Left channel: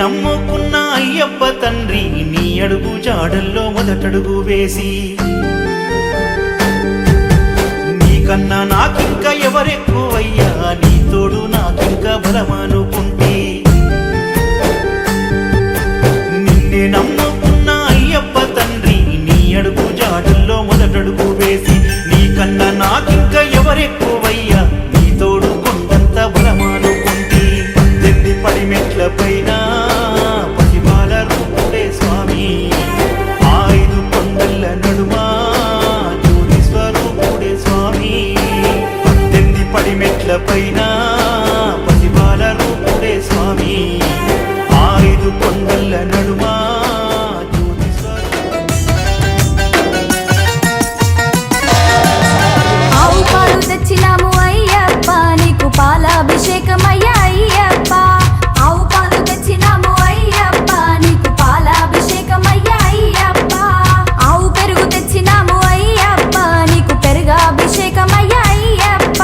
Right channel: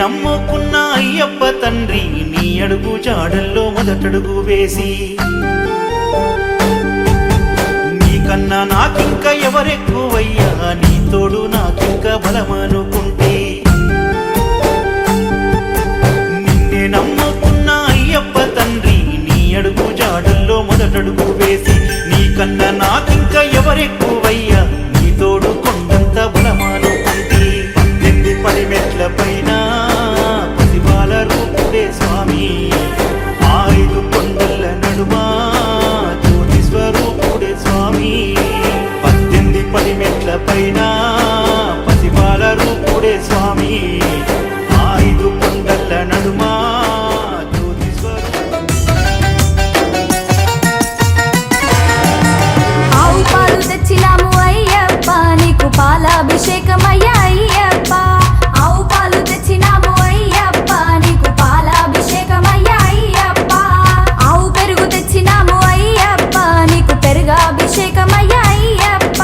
నమ్ముకున్న అయ్యప్ప తండ్రి నీ అడుగు జాడల్లో మొదటడుగు వేసి నీకన్నా నాకింక ఎవరెక్కువయ్యా నీ తోడు నాకింక బలమనుకుంటే నిన్నే నమ్ముకున్న అయ్యప్ప తండ్రి నీ అడుగు జాడల్లో మొదటడుగు వేసి నీకన్నా నాకింక ఎవరెక్కువయ్యా నీ తోడు కొండంత బలమనుకుంటే 18 పడిమెట్ల పైన పసిబాల రూపుడే స్వామి 5 కొండల నడుమా జ్యోతి స్వరూపుడే స్వామి 18 పడిమెట్ల పైన పసిబాల రూపుడే స్వామి 5 కొండల నడుమా ఆవు పాలు తెచ్చినాము అయ్యప్ప నీకు పాలాభిషేకమయ్యా అయ్యప్ప ఆవు పాలు తెచ్చినాము అయ్యప్ప నీకు పాలాభిషేకమయ్యా అయ్యప్ప ఆవు పెరుగు తెచ్చినాము అయ్యప్ప నీకు పెరుగాభిషేకమయ్యా అయ్యప్ప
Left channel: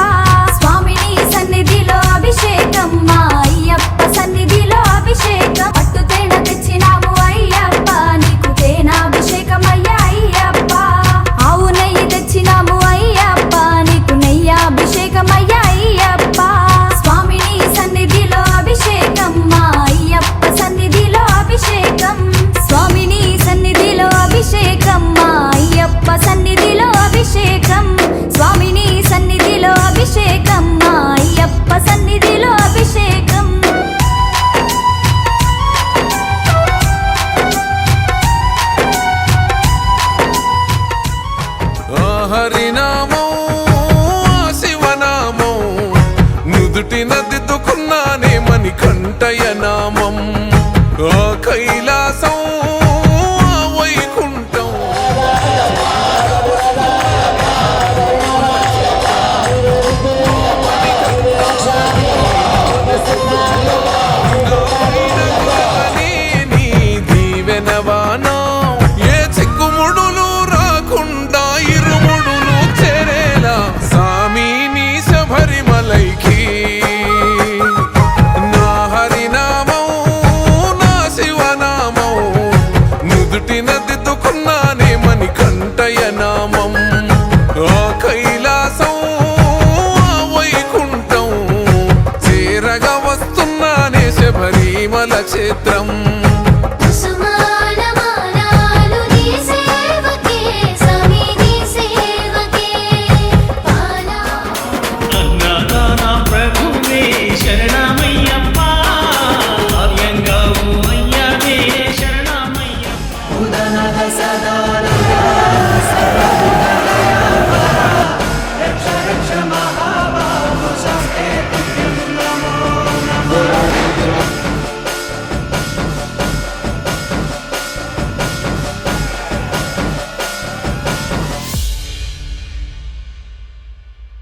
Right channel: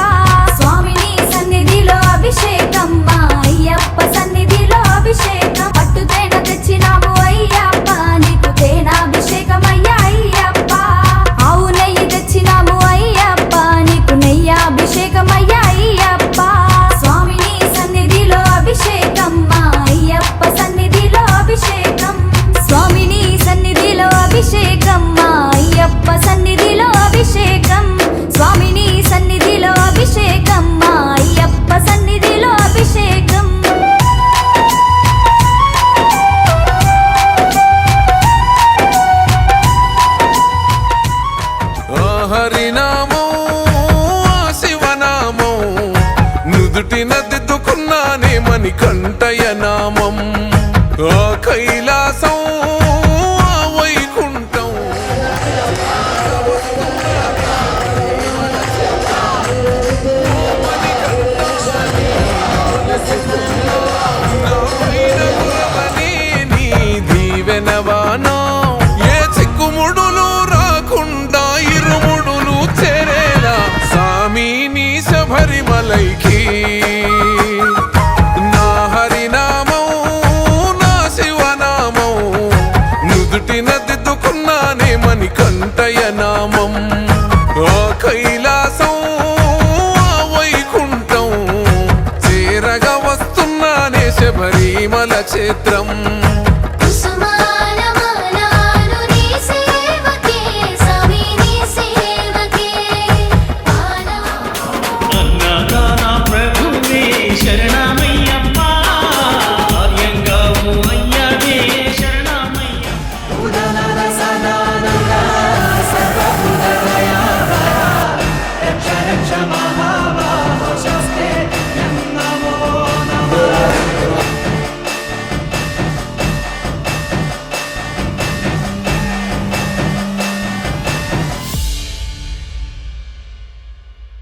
స్వామిని సన్నిధిలో అభిషేకం మా అయ్యప్ప సన్నిధిలో అభిషేకం పట్టు తేనె తెచ్చినాము అయ్యప్ప నీకు తేనాభిషేకమయ్యా అయ్యప్ప ఆవు నెయ్యి తెచ్చినాము అయ్యప్ప నీకు నెయ్యాభిషేకమయ్యా అయ్యప్ప స్వామిని సన్నిధిలో అభిషేకం మా అయ్యప్ప సన్నిధిలో అభిషేకం స్వామిని సన్నిధిలో అభిషేకం మా అయ్యప్ప సన్నిధిలో అభిషేకం స్వామిని సన్నిధిలో అభిషేకం మా అయ్యప్ప సన్నిధిలో అభిషేకం హరినామం శివనామం నుదుటిన దిద్దుకున్నానే మణికంఠయ నామం ఆ కైలాసం ఆ వైకుంఠం నా పైన గురవని నీ దీవెనవానా ఏ చిక్కుముడులు రాకుండా ఇరుముడులు చేరేలా సామి నీ శబరిమలైకి నా హరినామం నా శివనామం నుదుటిన దిద్దుకున్నానే మణికంఠయ నామం ఆ కైలాసం ఆ వైకుంఠం చేరగా వస్తున్నానే శబరిమల క్షేత్రం